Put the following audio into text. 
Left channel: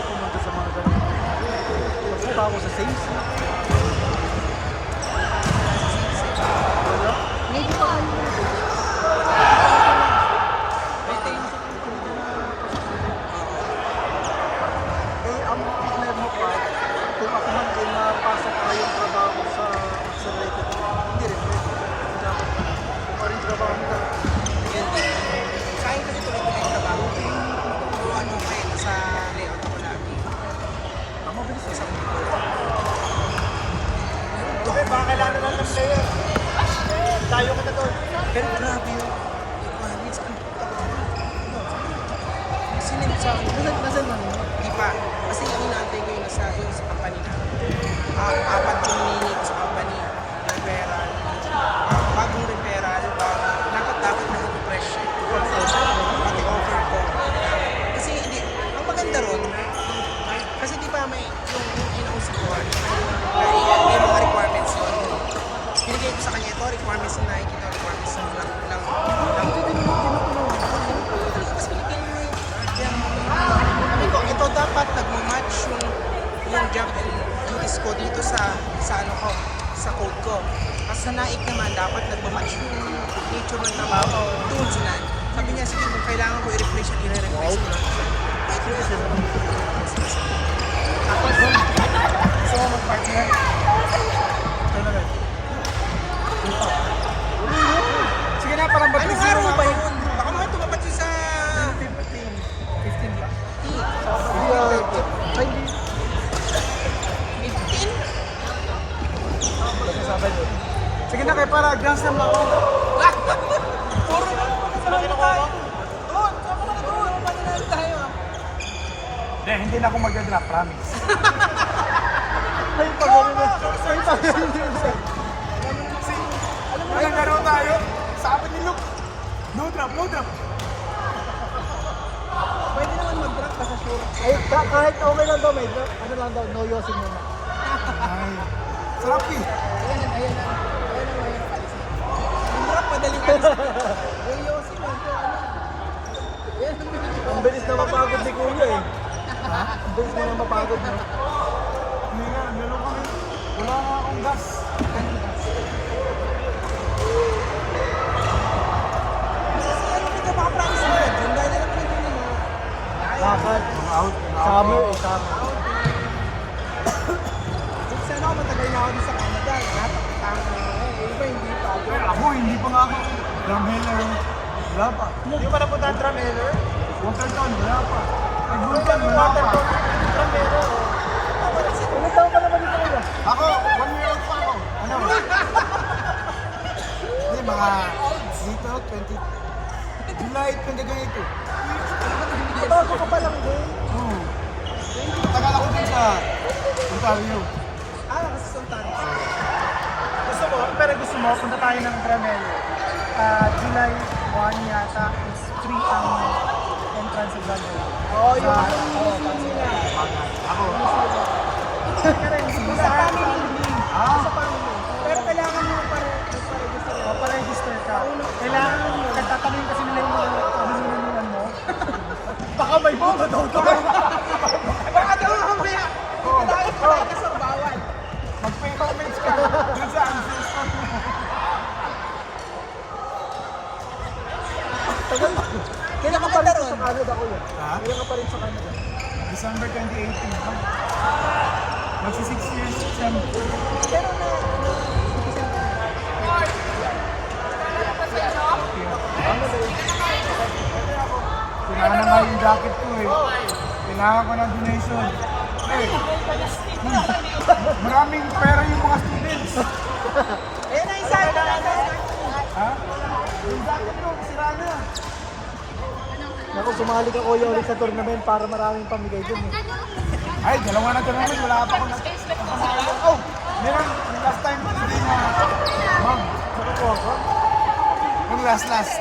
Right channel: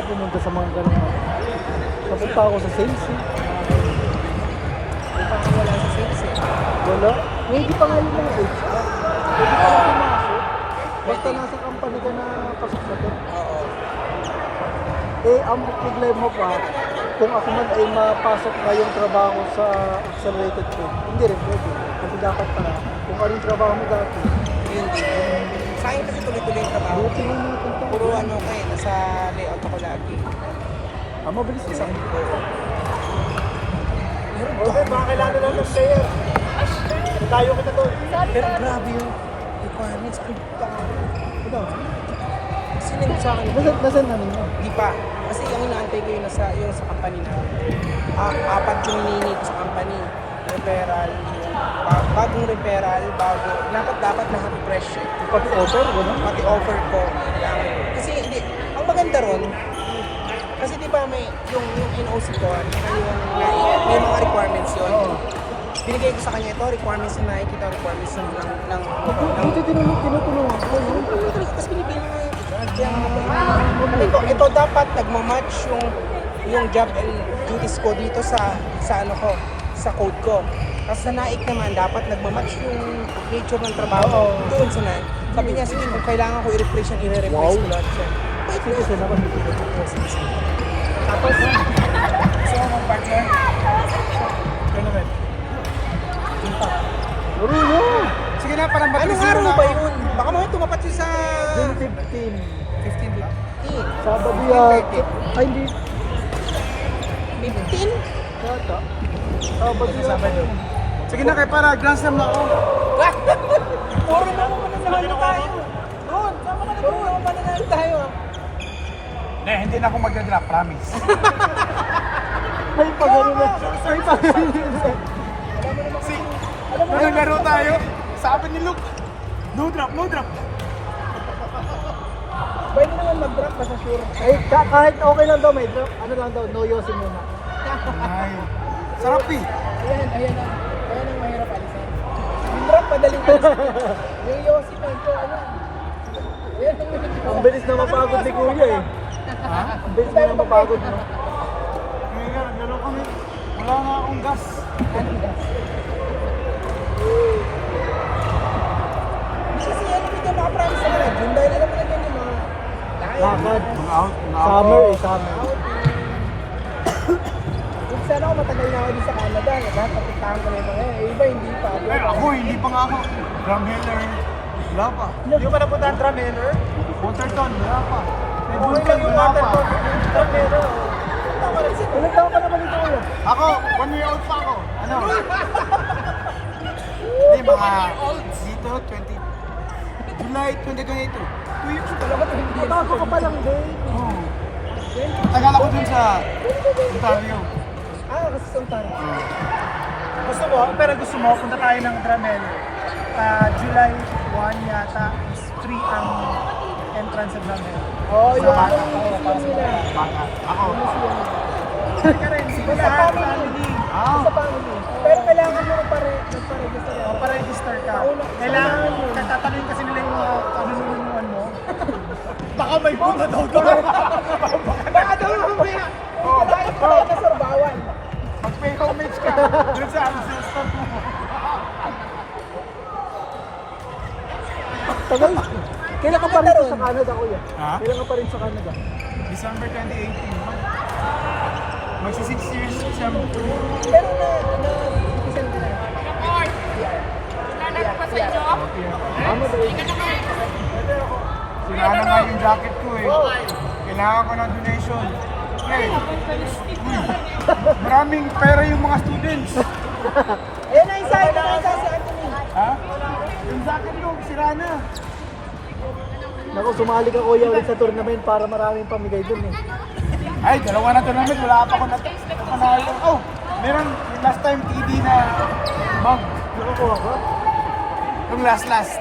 ako pumunta sa mga ganun. Napunta ako sa Saints. Wala. Hindi pa nga yung mga dates. Basta nasa company ka na nakapasok sa tech. Eh, ang problema pa, kung ako man ay mapasok na yung trabaho sa accelerated ko, hindi rin pwede. Kasi dapat pala, kung ano yung trabaho mo dati. Saan ko tuloy-tuloy na ba? Buti mo yung punta. Turuan mo ko sa layout ako lagi. Mabilis mo yan. Okay, baka kailangan lang ng player. Tayo ka na doon. Pero grabe yung requirements ko. Kasi nang sa akin, Nasaan na ninyo? di pa. Kasi yung inaantay ko yung sa company na. Apat yung ninit sa company. Referral. Bagong referral, dapat mag-refresh. Pag-offer, gano'n? Pati offer ko. Kasi ang maganda ron, kasi di ba may yung in-house ko, may mga requirements yun. Binigay ko sa kanya ito, requirements na nakikita yung requirements ng Dito din naman tinutulungan ko. Mas Pilipino ko yung ito dapat nagmamatch yung job and duties ko dito sa ano ko, sa code ko. Kasi sa naik naman, dapat nagmamatch yung nature ng trabaho. Doon sila. Sabi niya, sige, kung kailangan ko i-replace yung i-replace ko lang. Ito kasi naman dito. Tapos, sa mga partner, Uri yun! Sige na, parang ano araw ba yun? Baka mga tumapat yun sa 15. 15. Sabado yan. Ay, hindi. 15? Yata. Sabado yan. Sige na, kaya para glance mo ako. Puro na. Saan tayo? Doon, sama na doon. Mananalo tayo. Hindi na ako mag-drop, promise. Ay, pagano na. Walang laro tayo. Sabi ni Luke. Blue drop. Pwede naman mag-drop kasi sure. Eh, kahit okay lang daw, may ano ka na daw, no yosin mo. Ay, sarap eh. Ayan na. Ayan ang mahirap alisan. Ang drop, madaling alisan. Yung yosi pa ito, ano? Ayan ang mahirap. Ang bilis na napagod ni Kuya eh. Ang bilis na napagod mo. Wala na akong gas. Kasi ano dito, makapromise naman. Yung dahil naman na ganyan, ha? Summer eh, summer. Kung sana ako matagal na ako dun sa Canada, dapat puntahan ko na ngayon. Eh, iba, hindi pa ako. Ako, hindi pa nga ako. Gambler. Wala pa. Hindi pa napunta ang drum header? Waterton, wala pa. Buhay lang yung water ko. Drum header. Ilan taon ka naman ito kayo? Ako, 1 year old pa ako. Hindi, mga dito, 20. July 2022. Bago ka pa lang din. Tagal ako dun sa Ontario. Kasi sa Ontario. Gusto mo, pero gusto mo, punta tayo ng Gramel. July 1 yata is 3 ang entrance exam. Oo, yung museum nila. Sa family. Sa family. Pero kailangan mo parang Makaregister ka. Kailangan mo, nagtatanong kasi nila yung ano mo. Baka may bunga daw doon. Nakatawa ko kaya. Hindi ka dahil ka sa bawan. May comments ka. Doon sa Tagal. Kailan ka pa rin? Sa Canada kuya. Ha? Kailan ka pa rin sa Canada. December 2018. Magsi 6 years siya. Pero na-umpisa ka na. Sinahan na yung jacket ko eh. Kailangan ko ng donation. Maraming pera yung mga students. Ayan na isa. Ayan na isa. Ha? Yung jacket ko, sira na. Naku, sumali ka kuya ulit sa tournament para maraming pamigay dun eh. Ay, dalawa na tournament. Wala ako na. Oh, meron last time hindi na mag. Nakakuha ko. Yung last.